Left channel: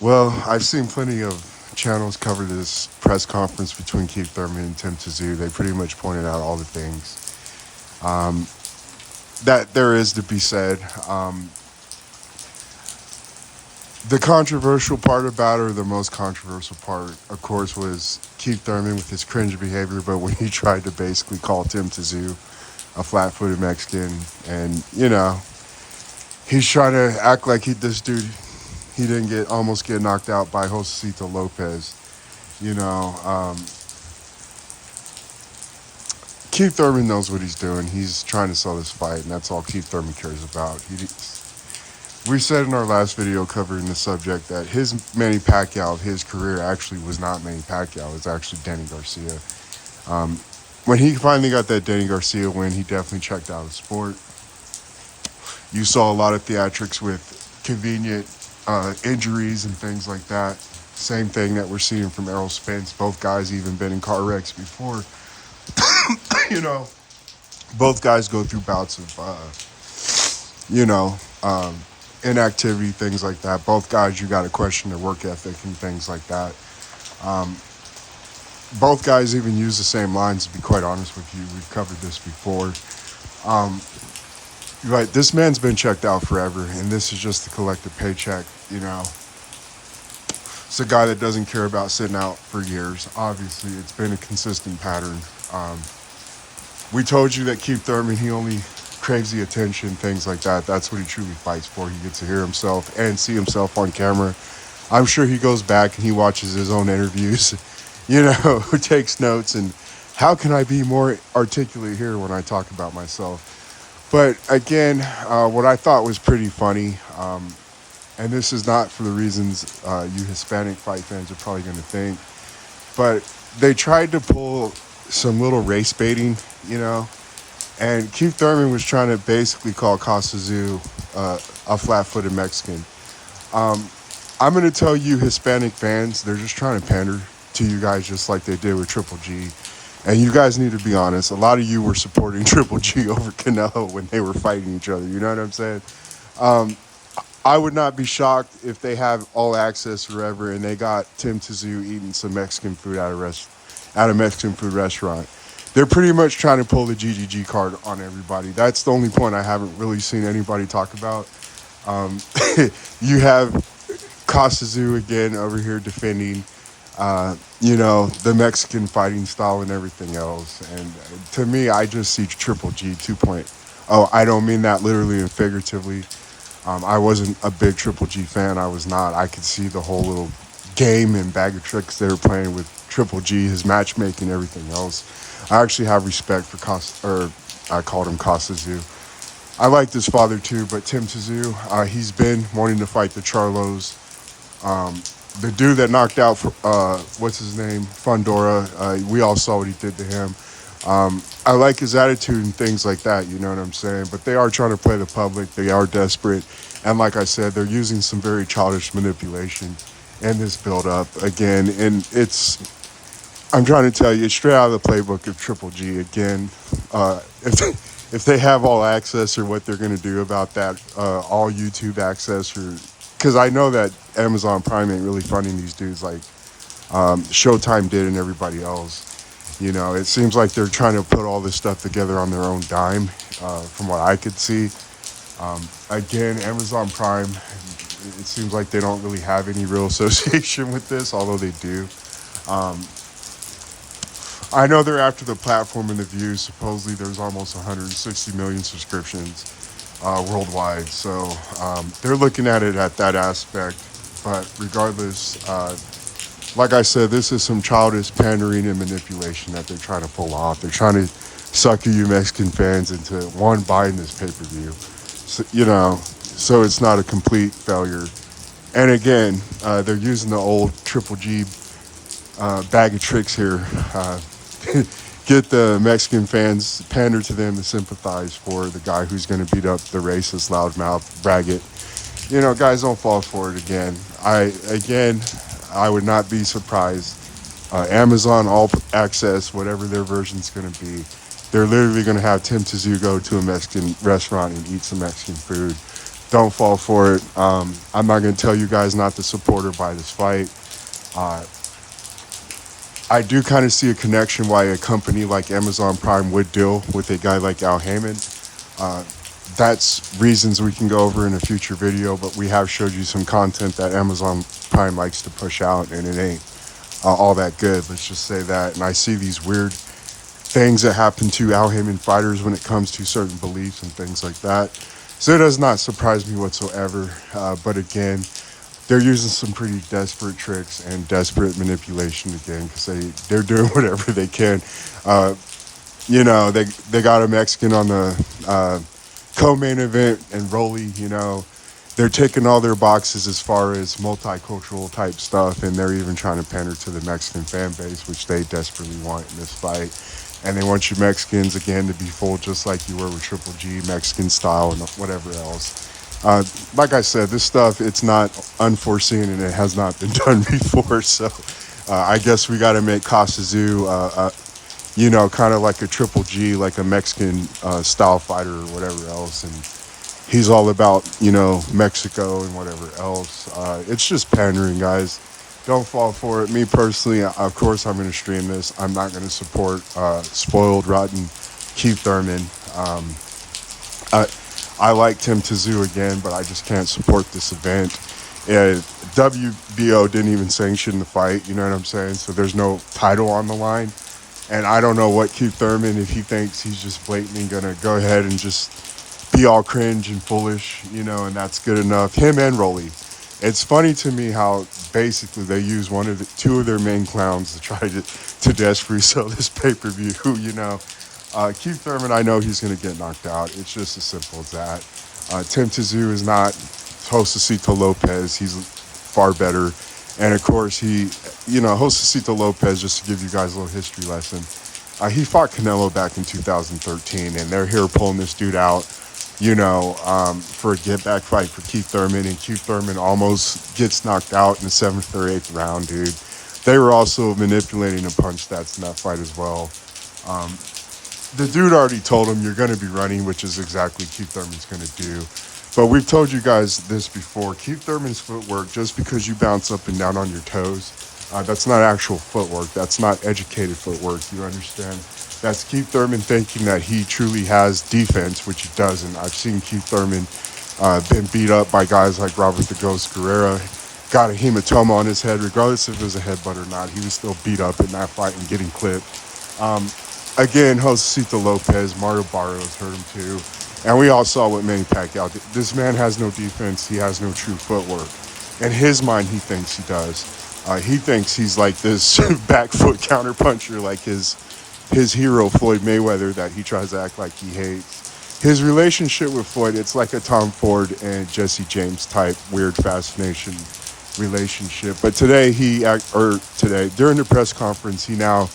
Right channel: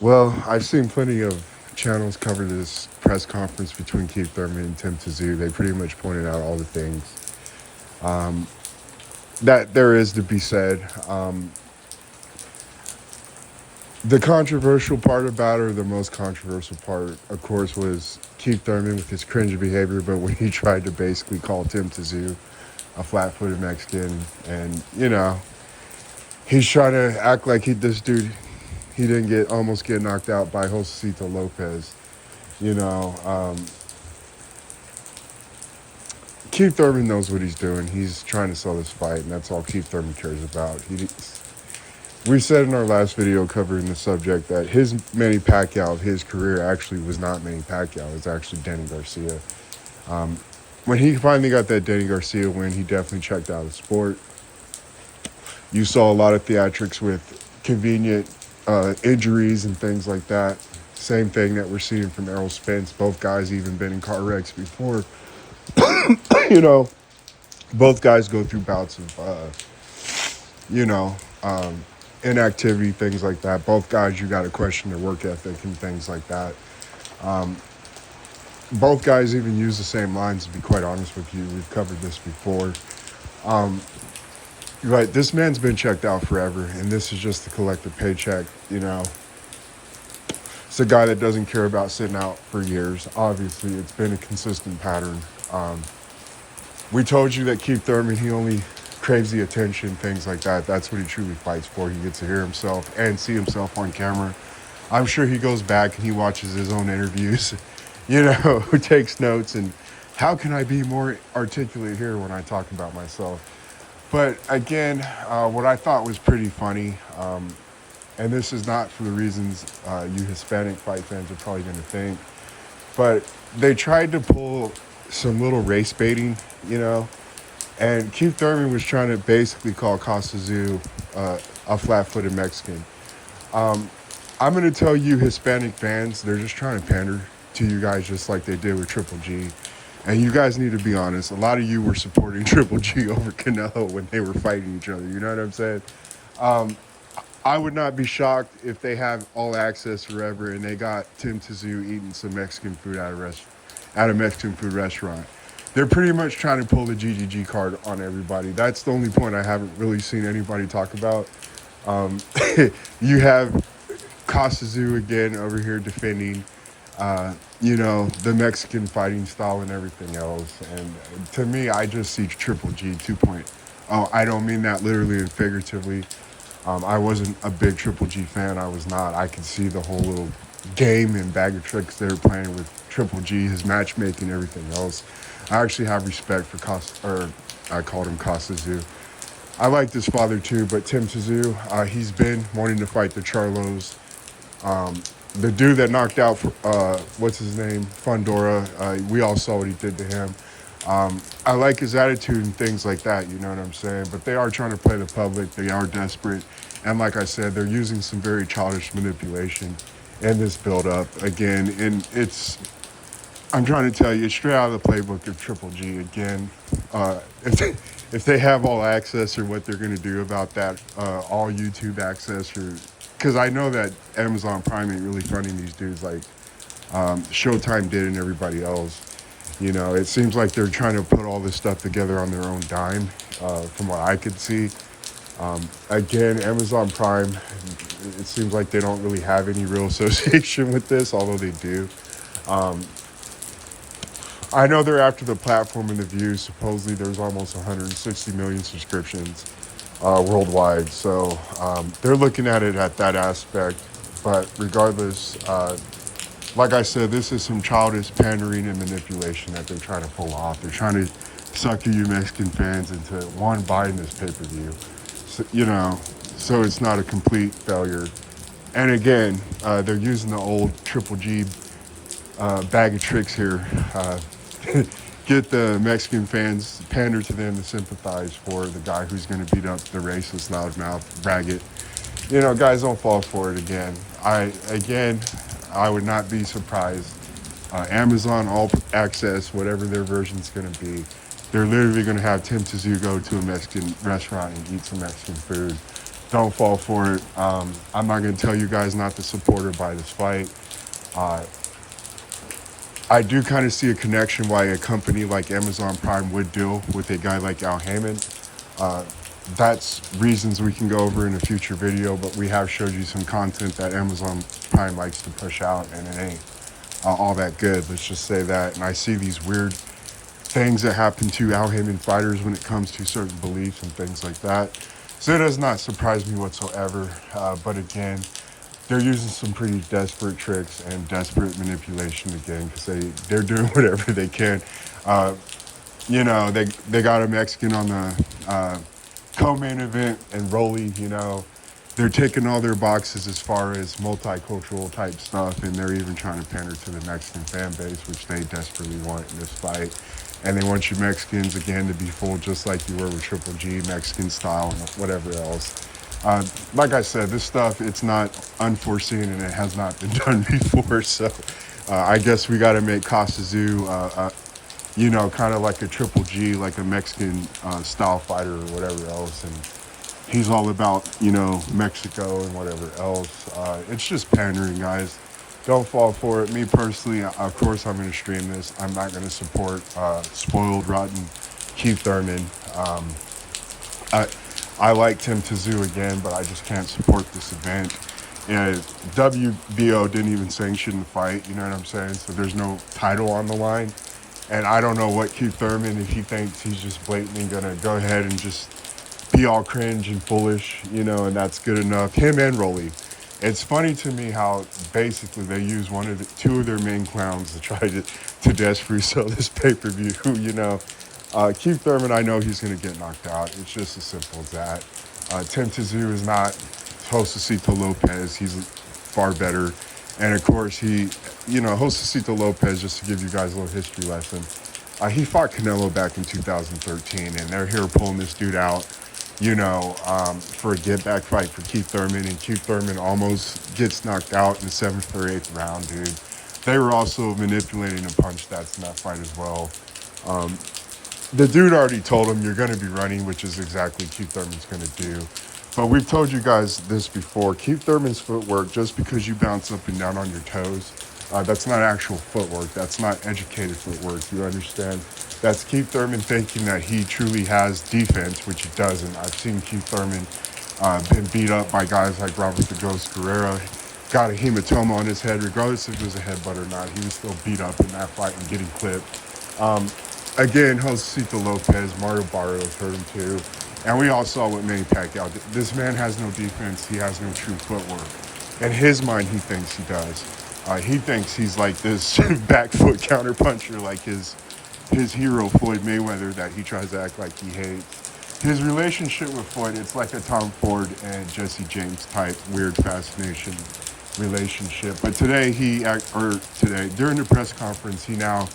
Well, I've seen plenty of channels cover this press conference between Keith Thurman and Tim Tszyu. They pretty much pointed out all the things that there is to be said. The controversial part about it, or the most controversial part, of course, was Keith Thurman with his cringe behavior, but when he tried to basically call Tim Tszyu a flat-footed Mexican, and, he's trying to act like this dude, he didn't almost get knocked out by Josecito Lopez. You know, Keith Thurman knows what he's doing. He's trying to sell this fight, and that's all Keith Thurman cares about. We said in our last video covering the subject that his Manny Pacquiao, his career actually was not Manny Pacquiao. It was actually Danny Garcia. When he finally got that Danny Garcia win, he definitely checked out of the sport. You saw a lot of theatrics with convenient injuries and things like that. Same thing that we're seeing from Errol Spence. Both guys even been in car wrecks before. Both guys go through bouts of, inactivity, things like that. Both guys, you got to question their work ethic and things like that. Both guys even use the same lines, to be quite honest with you. We've covered this before. But this man's been checked out forever, and this is just the collective paycheck, It's a guy that doesn't care about sitting out for years. Obviously, it's been a consistent pattern. We told you that Keith Thurman, he only craves the attention, things like that. That's what he truly fights for. He gets to hear himself and see himself on camera. I'm sure he goes back and he watches his own interviews, takes notes, and how can I be more articulate here when I talk about myself? But again, what I thought was pretty funny, and this is not for the reasons you Hispanic fight fans are probably going to think, but they tried to pull some little race baiting, and Keith Thurman was trying to basically call Tszyu a flat-footed Mexican. I'm going to tell you Hispanic fans, they're just trying to pander to you guys just like they did with Triple G. And you guys need to be honest. A lot of you were supporting Triple G over Canelo when they were fighting each other. You know what I'm saying? I would not be shocked if they have all access forever and they got Tim Tszyu eating some Mexican food at a Mexican food restaurant. They're pretty much trying to pull the GGG card on everybody. That's the only point I haven't really seen anybody talk about. You have Tszyu again over here defending the Mexican fighting style and everything else. And to me, I just see Triple G 2.0. I don't mean that literally and figuratively. I wasn't a big Triple G fan. I was not. I could see the whole little game and bag of tricks they were playing with Triple G, his matchmaking, everything else. I actually have respect for I called him Tszyu. I liked his father too, but Tim Tszyu, he's been wanting to fight the Charlos. The dude that knocked out, what's his name, Fundora, we all saw what he did to him. I like his attitude and things like that, you know what I'm saying? But they are trying to play the public. They are desperate. And like I said, they're using some very childish manipulation in this build-up. Again, and I'm trying to tell you, it's straight out of the playbook of Triple G. Again, if they have all access or what they're going to do about that, all YouTube access, or because I know that Amazon Prime ain't really funding these dudes like Showtime did and everybody else. It seems like they're trying to put all this stuff together on their own dime, from what I could see. Again, Amazon Prime, it seems like they don't really have any real association with this, although they do. I know they're after the platform and the views. Supposedly there's almost 160 million subscriptions worldwide. So they're looking at it at that aspect. But regardless, like I said, this is some childish pandering and manipulation that they're trying to pull off. They're trying to sucker you Mexican fans into buying this pay-per-view. So it's not a complete failure. And again, they're using the old Triple G bag of tricks here. Get the Mexican fans, pander to them, and sympathize for the guy who's going to beat up the racist, loudmouth, braggart. Guys, don't fall for it again. I would not be surprised. Amazon All Access, whatever their version's going to be, they're literally going to have Tim Tszyu go to a Mexican restaurant and eat some Mexican food. Don't fall for it. I'm not going to tell you guys not to support or buy this fight. Uh, I do kind of see a connection why a company like Amazon Prime would deal with a guy like Al Heyman. Uh, that's reasons we can go over in a future video, but we have showed you some content that Amazon Prime likes to push out, and it ain't all that good. Let's just say that. And I see these weird things that happen to Al Heyman fighters when it comes to certain beliefs and things like that. So it does not surprise me whatsoever. But again, they're using some pretty desperate tricks and desperate manipulation again, because they're doing whatever they can. They got a Mexican on the co-main event and Rolly, they're ticking all their boxes as far as multicultural type stuff, and they're even trying to pander to the Mexican fan base, which they desperately want in this fight. And they want you Mexicans, again, to be full just like you were with Triple G, Mexican style and whatever else. Like I said, this stuff, it's not unforeseen and it has not been done before. So I guess we got to make Tszyu, kind of like a Triple G, like a Mexican style fighter or whatever else. And he's all about, Mexico and whatever else. It's just pandering, guys. Don't fall for it. Me personally, of course, I'm going to stream this. I'm not going to support spoiled, rotten Keith Thurman. I liked him Tszyu again, but I just can't support this event. WBO didn't even sanction the fight, you know what I'm saying? So there's no title on the line. And I don't know what Keith Thurman, if he thinks he's just blatantly going to go ahead and just be all cringe and foolish, and that's good enough. Him and Rolly. It's funny to me how basically they use two of their main clowns to try to desperately sell this pay-per-view, Keith Thurman, I know he's going to get knocked out. It's just as simple as that. Tszyu is not Josecito Lopez. He's far better. And, of course, Josecito Lopez, just to give you guys a little history lesson, he fought Canelo back in 2013, and they're here pulling this dude out, for a get-back fight for Keith Thurman, and Keith Thurman almost gets knocked out in the 7th or 8th round, dude. They were also manipulating the punch stats in that fight as well. The dude already told him, you're going to be running, which is exactly what Keith Thurman's going to do. But we've told you guys this before. Keith Thurman's footwork, just because you bounce up and down on your toes, that's not actual footwork. That's not educated footwork. You understand? That's Keith Thurman thinking that he truly has defense, which he doesn't. I've seen Keith Thurman been beat up by guys like Robert the Ghost Guerrera, got a hematoma on his head. Regardless if it was a headbutt or not, he was still beat up in that fight and getting clipped. Again, Josecito Lopez, Mario Barrios hurt him too. And we all saw what Manny Pacquiao did. This man has no defense. He has no true footwork. In his mind, he thinks he does. He thinks he's like this back foot counterpuncher, like his hero, Floyd Mayweather, that he tries to act like he hates. His relationship with Floyd, it's like a Tom Ford and Jesse James type weird fascination relationship. But today, during the press conference, he now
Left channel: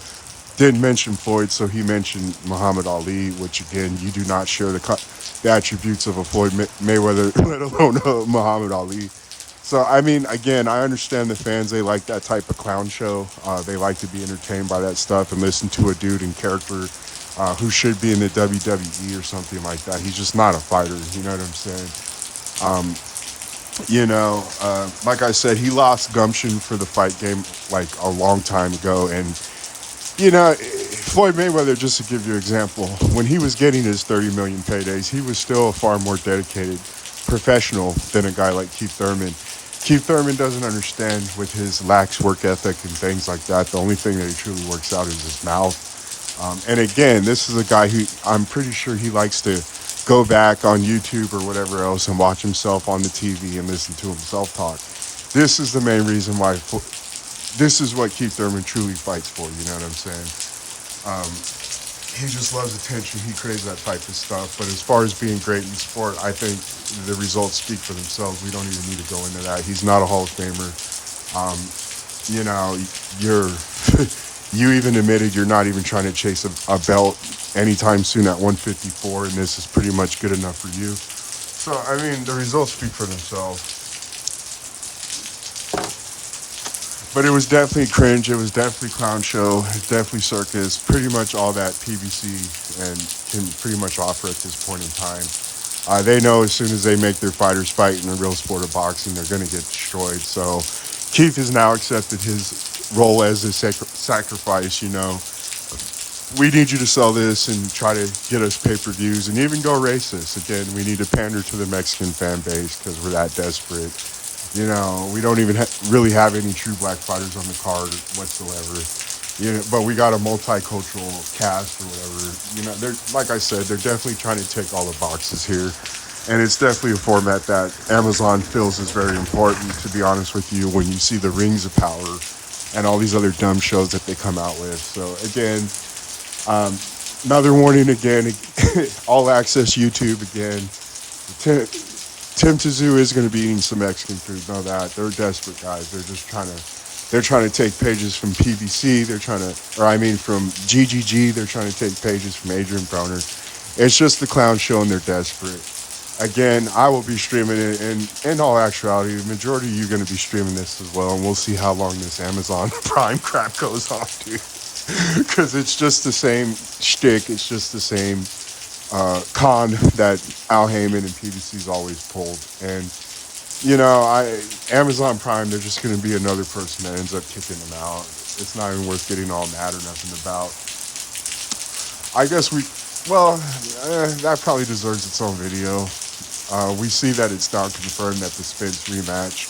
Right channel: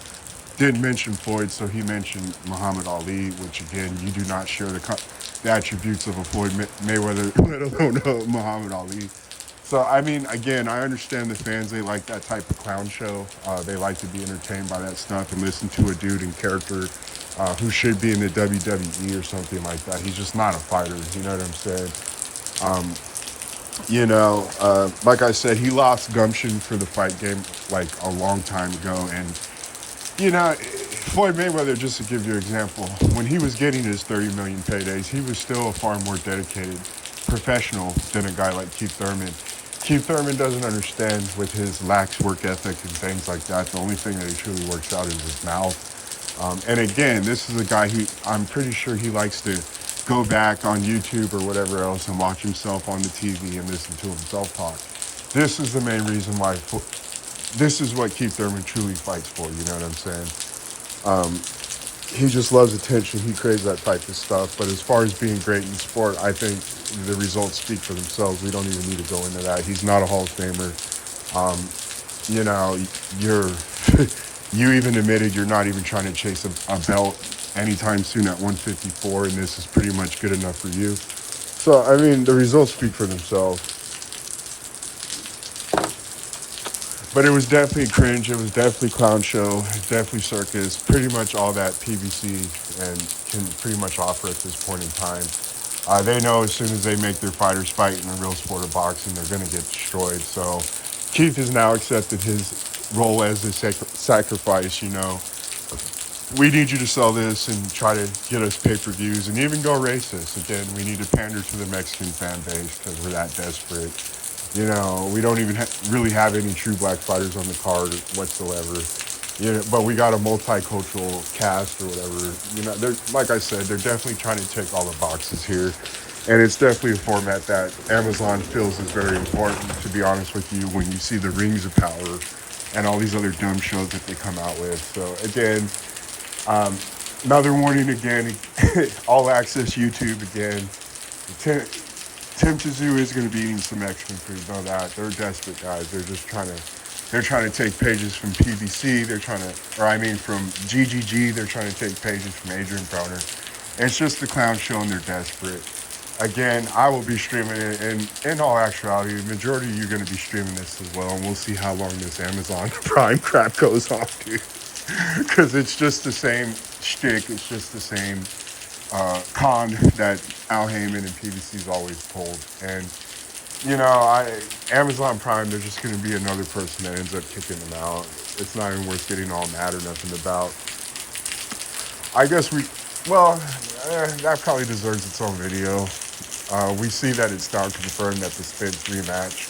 didn't mention Floyd, so he mentioned Muhammad Ali, which again, you do not share the attributes of a Floyd Mayweather, let alone a Muhammad Ali. So, I mean, again, I understand the fans, they like that type of clown show. They like to be entertained by that stuff and listen to a dude in character who should be in the WWE or something like that. He's just not a fighter, you know what I'm saying? Like I said, he lost gumption for the fight game like a long time ago. And, Floyd Mayweather, just to give you an example, when he was getting his 30 million paydays, he was still a far more dedicated professional than a guy like Keith Thurman. Keith Thurman doesn't understand with his lax work ethic and things like that. The only thing that he truly works out is his mouth. And again, this is a guy who I'm pretty sure he likes to go back on YouTube or whatever else and watch himself on the TV and listen to himself talk. This is the main reason why. This is what Keith Thurman truly fights for. You know what I'm saying? He just loves attention. He craves that type of stuff. But as far as being great in sport, I think the results speak for themselves. We don't even need to go into that. He's not a Hall of Famer. You even admitted you're not even trying to chase a belt anytime soon at 154, and this is pretty much good enough for you. So, I mean, the results speak for themselves. But it was definitely cringe. It was definitely clown show. It was definitely circus. Pretty much all that PBC and can pretty much offer at this point in time. They know as soon as they make their fighters fight in the real sport of boxing, they're going to get destroyed. So Keith has now accepted his role as a sacrifice. We need you to sell this and try to get us pay-per-views and even go racist. Again, we need to pander to the Mexican fan base because we're that desperate. We don't even really have any true black fighters on the card whatsoever. But we got a multicultural cast or whatever. Like I said, they're definitely trying to tick all the boxes here. And it's definitely a format that Amazon feels is very important, to be honest with you, when you see the Rings of Power and all these other dumb shows that they come out with. So, again, another warning again, all access YouTube again. Tim Tszyu is going to be eating some Mexican food, know that. They're desperate guys. They're trying to take pages from PBC. From GGG. They're trying to take pages from Adrian Broner. It's just the clown show and they're desperate. Again, I will be streaming it, and in all actuality, the majority of you are going to be streaming this as well, and we'll see how long this Amazon Prime crap goes off, dude. Because it's just the same shtick. It's just the same con that Al Heyman and PBC's always pulled. And, Amazon Prime, they're just going to be another person that ends up kicking them out. It's not even worth getting all mad or nothing about. I guess that probably deserves its own video. We see that it's now confirmed that the Spence rematch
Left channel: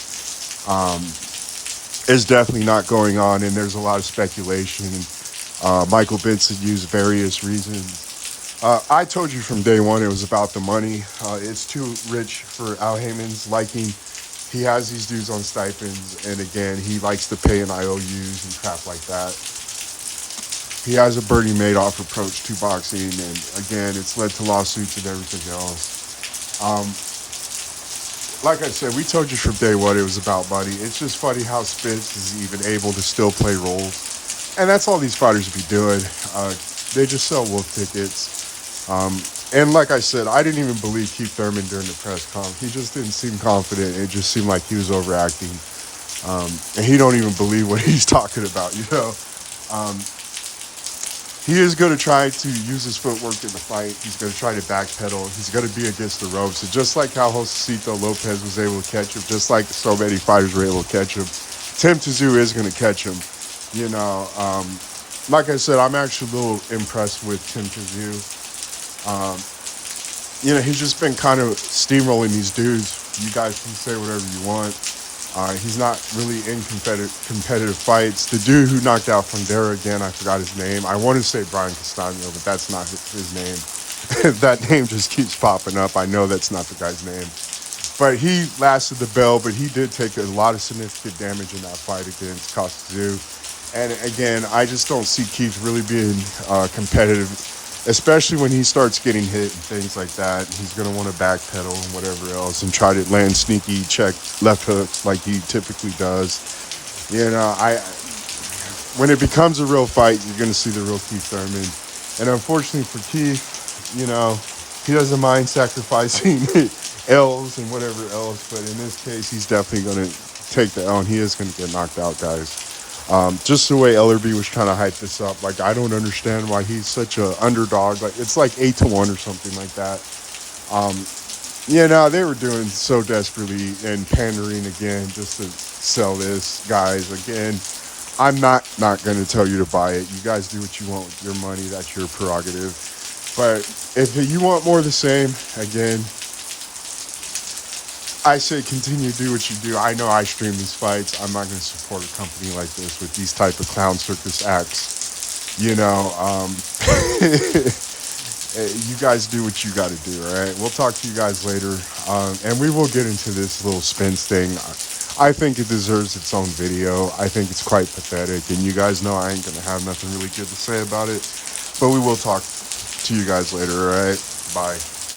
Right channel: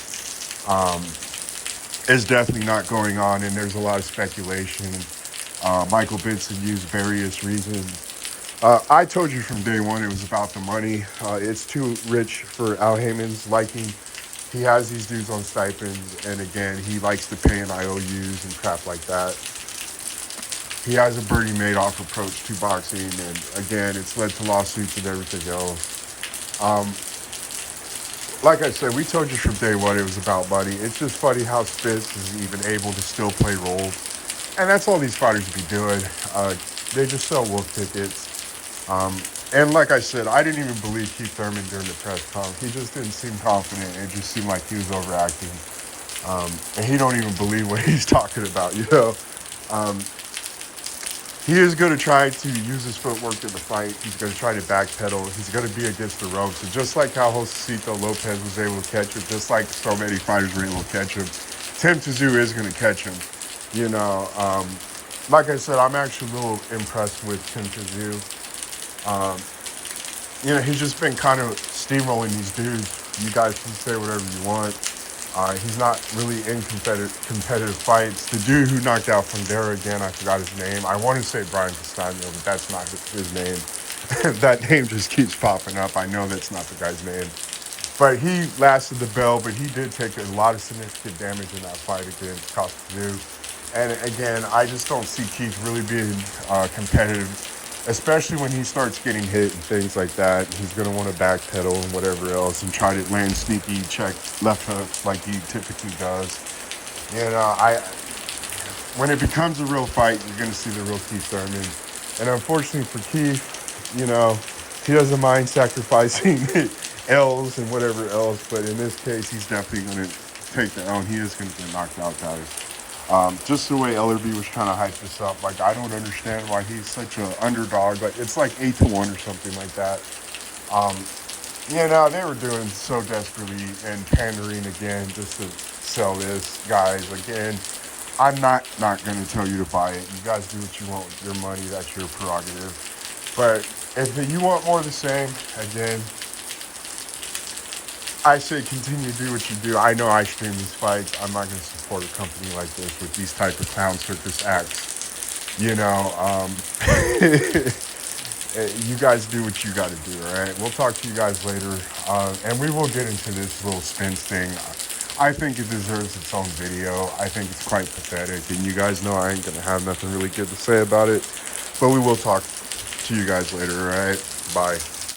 is definitely not going on, and there's a lot of speculation. Michael Benson used various reasons. I told you from day one it was about the money. It's too rich for Al Heyman's liking. He has these dudes on stipends, and again, he likes to pay in IOUs and crap like that. He has a Bernie Madoff approach to boxing, and again, it's led to lawsuits and everything else. Like I said, we told you from day one it was about money. It's just funny how Spence is even able to still play roles. And that's all these fighters be doing. They just sell wolf tickets. And like I said, I didn't even believe Keith Thurman during the press conference. He just didn't seem confident. It just seemed like he was overacting. And he don't even believe what he's talking about, He is going to try to use his footwork in the fight. He's going to try to backpedal. He's going to be against the ropes. So just like how Josecito Lopez was able to catch him, just like so many fighters were able to catch him, Tim Tszyu is going to catch him. Like I said, I'm actually a little impressed with Tim Tszyu. He's just been kind of steamrolling these dudes. You guys can say whatever you want. He's not really in competitive fights. The dude who knocked out Fundera, again, I forgot his name. I want to say Brian Castano, but that's not his name. That name just keeps popping up. I know that's not the guy's name. But he lasted the bell, but he did take a lot of significant damage in that fight against Tszyu. And again, I just don't see Keith really being competitive, especially when he starts getting hit and things like that. He's going to want to backpedal and whatever else and try to land sneaky check left hook like he typically does. When it becomes a real fight, you're going to see the real Keith Thurman. And unfortunately for Keith, he doesn't mind sacrificing L's and whatever else. But in this case, he's definitely going to take the L, and he is going to get knocked out, guys. Just the way Ellerby was trying to hype this up, like, I don't understand why he's such an underdog. Like, it's like 8-1 or something like that. They were doing so desperately and pandering again just to sell this, guys. Again, I'm not going to tell you to buy it. You guys do what you want with your money. That's your prerogative. But if you want more of the same, again, I say continue to do what you do. I know I stream these fights. I'm not going to support a company like this with these type of clown circus acts. You guys do what you got to do, all right? We'll talk to you guys later. And we will get into this little Spence thing. I think it deserves its own video. I think it's quite pathetic. And you guys know I ain't going to have nothing really good to say about it. But we will talk to you guys later, all right? Bye.